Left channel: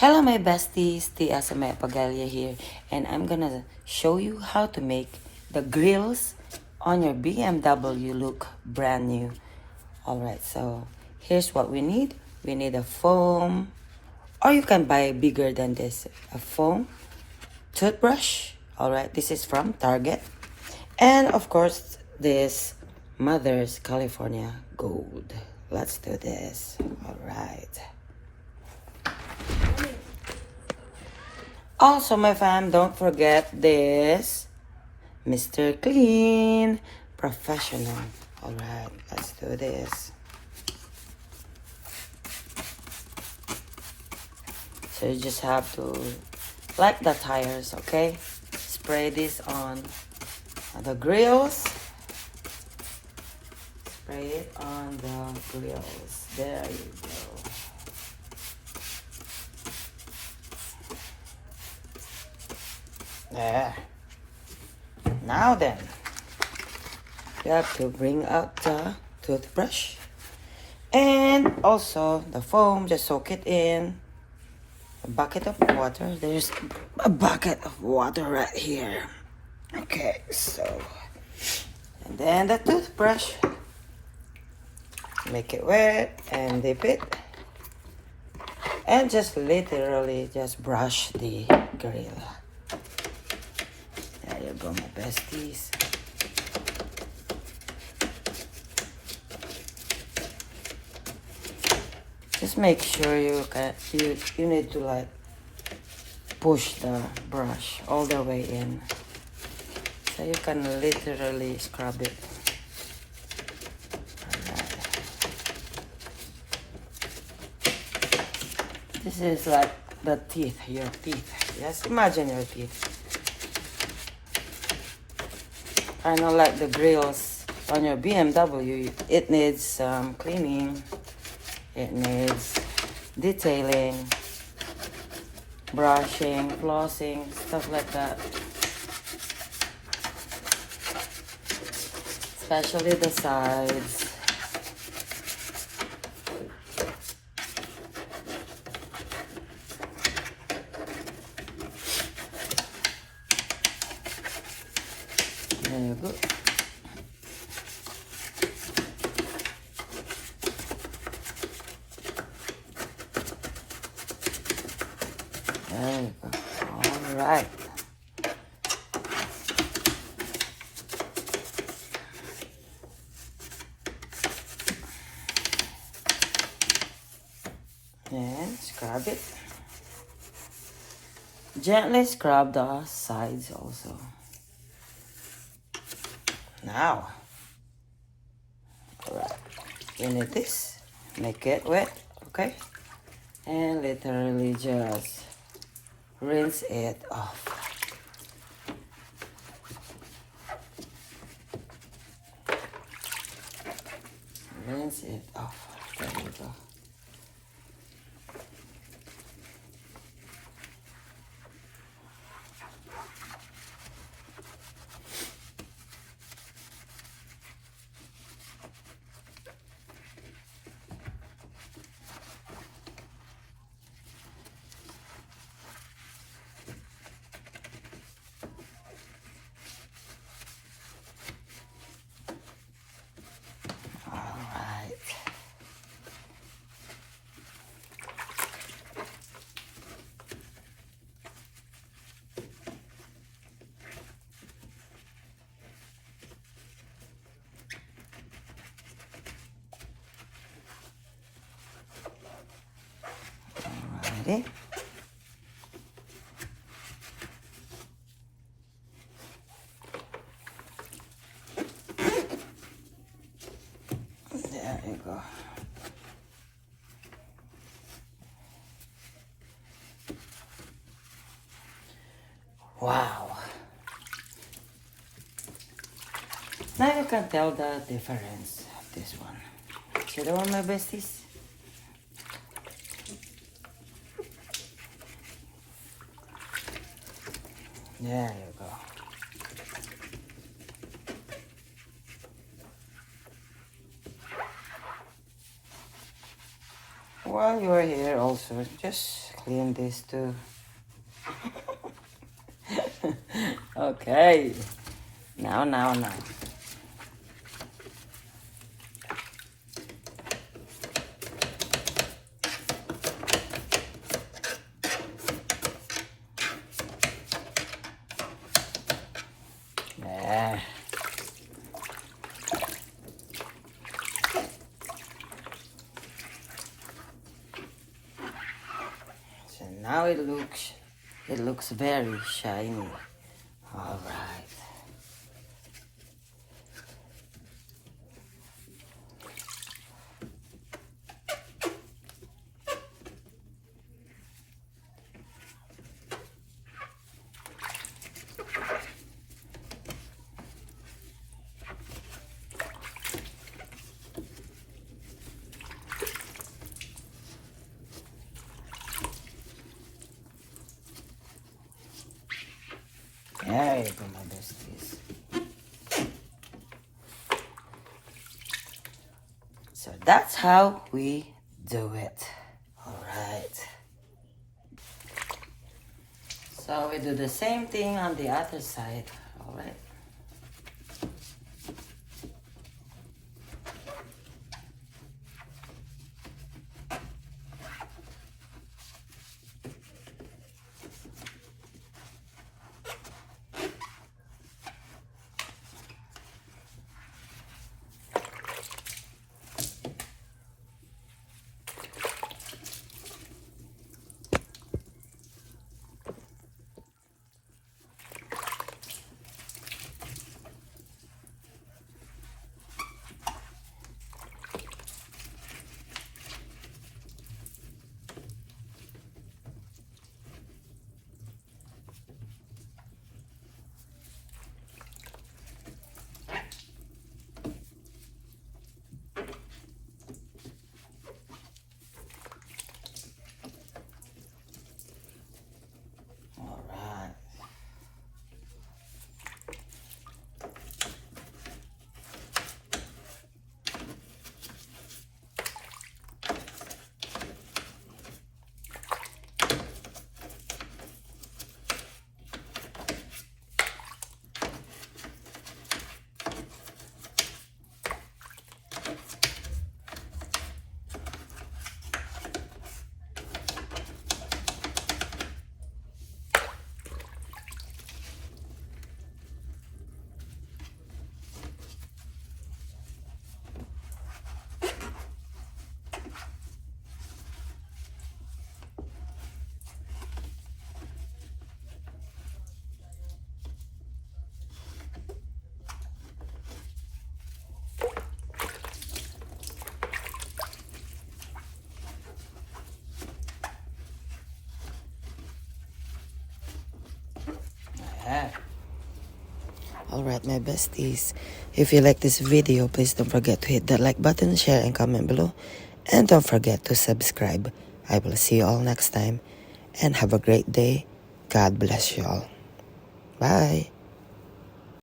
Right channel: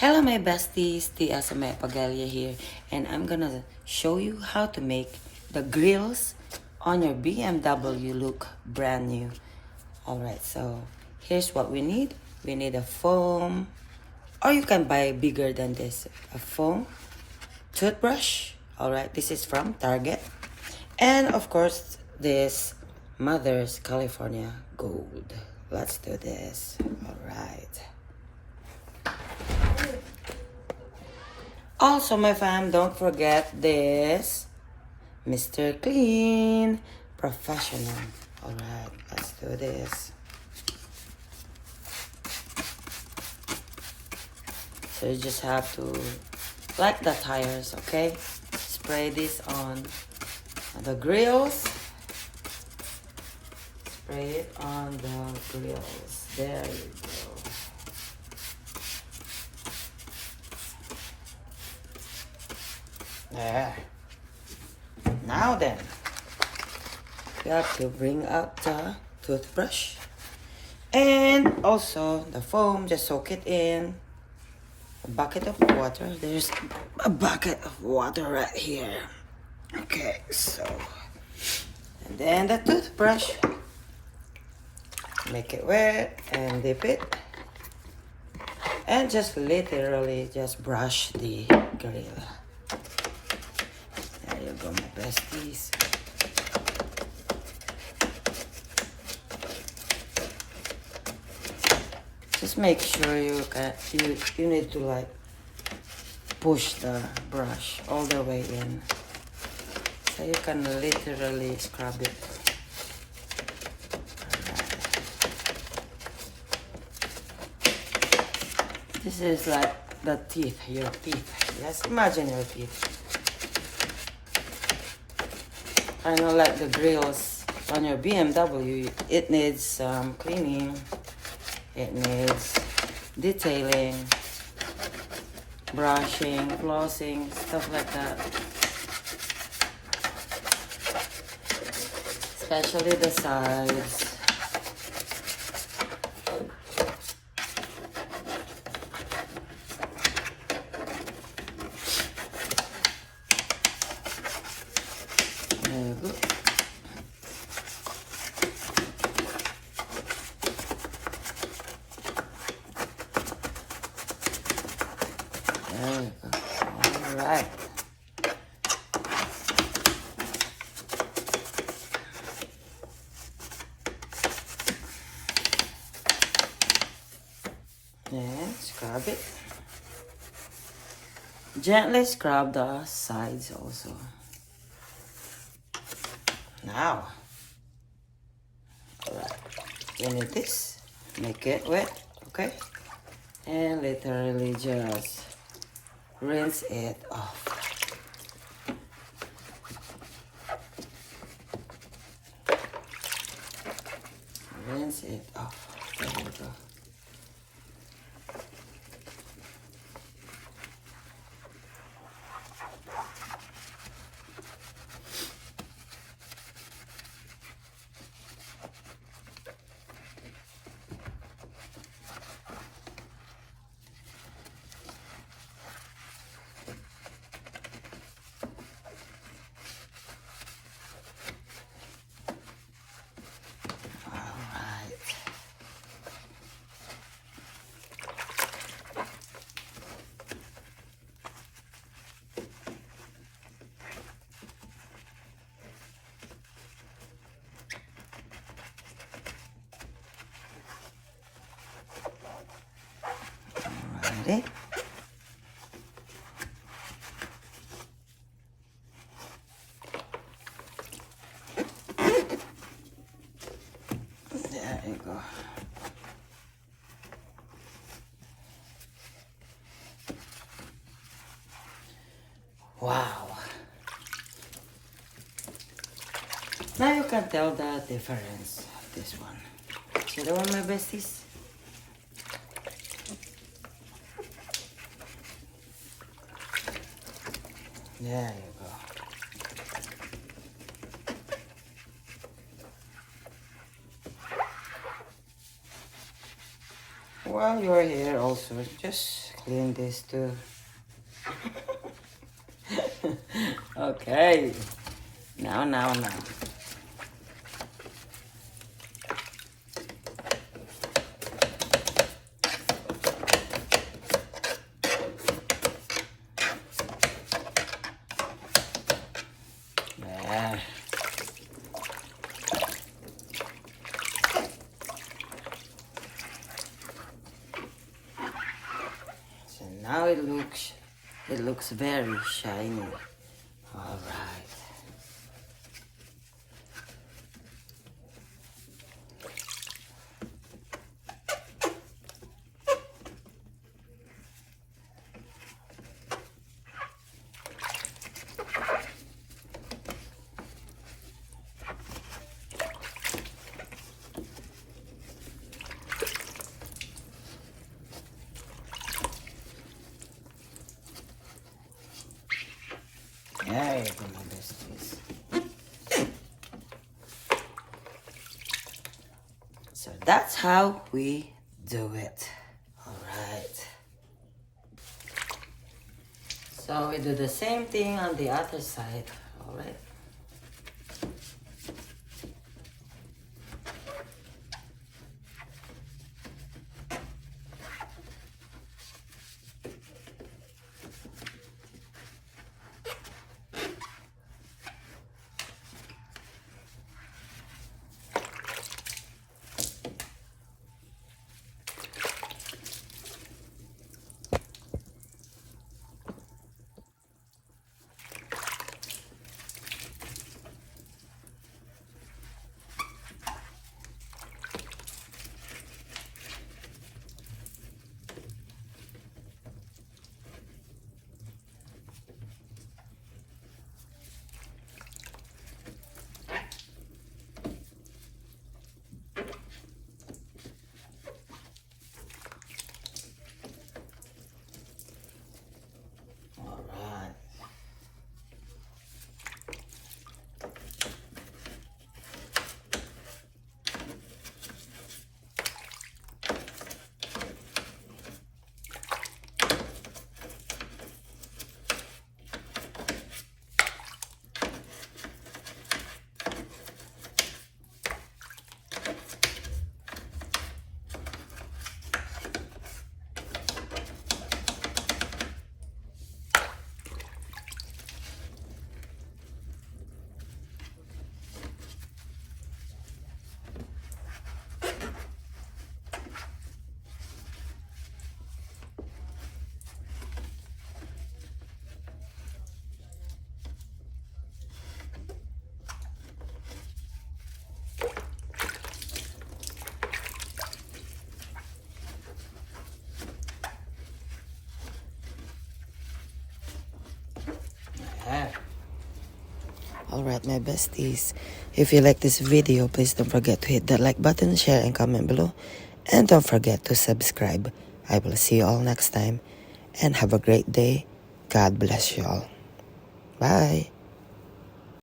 Hello my besties, TSMA here, and I'm gonna show you how to make the grills on your BMW look brand new. Alright, so here's what we need. We need a foam, or you can buy bigger than this, a foam, toothbrush. Alright, this is from Target. And of course, this Mother's California Gold. Let's do this. Alright. Also, my fam, don't forget this Mr. Clean Professional. Alright, let's do this. So you just have to, like the tires, okay? Spray this on the grills. Spray it on the grills. There you go. There. Now then, you have to bring out the toothbrush and also the foam. Just soak it in a bucket of water. There's a bucket of water right here. Okay, so and then the toothbrush. Make it wet and dip it, and just literally just brush the grill. There you go, my besties. Just make sure you need to like push the brush all the way in, so you can literally scrub it. This is like the teeth, your teeth. Yes, imagine your teeth. I know, like the grills on your BMW, it needs some cleaning. It needs detailing, brushing, flossing, stuff like that. Especially the sides. There you go. There you go. All right. And scrub it. Gently scrub the sides also. Now, alright, you need this, make it wet, okay? And literally just rinse it off. Rinse it off. There you go. Alrighty. There you go. Wow. Now you can tell the difference of this one. See the one, my besties? There you go. While you are here also, just clean this too. Okay. Now. Yeah. So now it looks very shiny. All right. There you go, my besties. So that's how we do it. All right. So we do the same thing on the other side. All right. Alright, my besties, if you like this video, please don't forget to hit that like button, share and comment below, and don't forget to subscribe. I will see you all next time, and have a great day. God bless you all. Bye.